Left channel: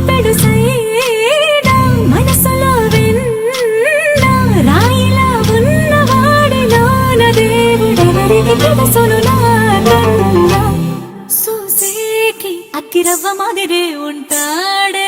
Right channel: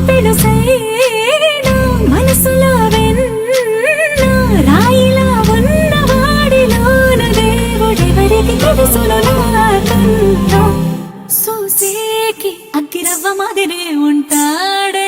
పెడుసైనా మనసులో వెన్న రాయిలా ఉన్నవాడిలోన దేవుడెవరికి తెలుసును నాకన్నా చూసేకి అగ్గిరవ్వ మాదిరే ఉంటాడే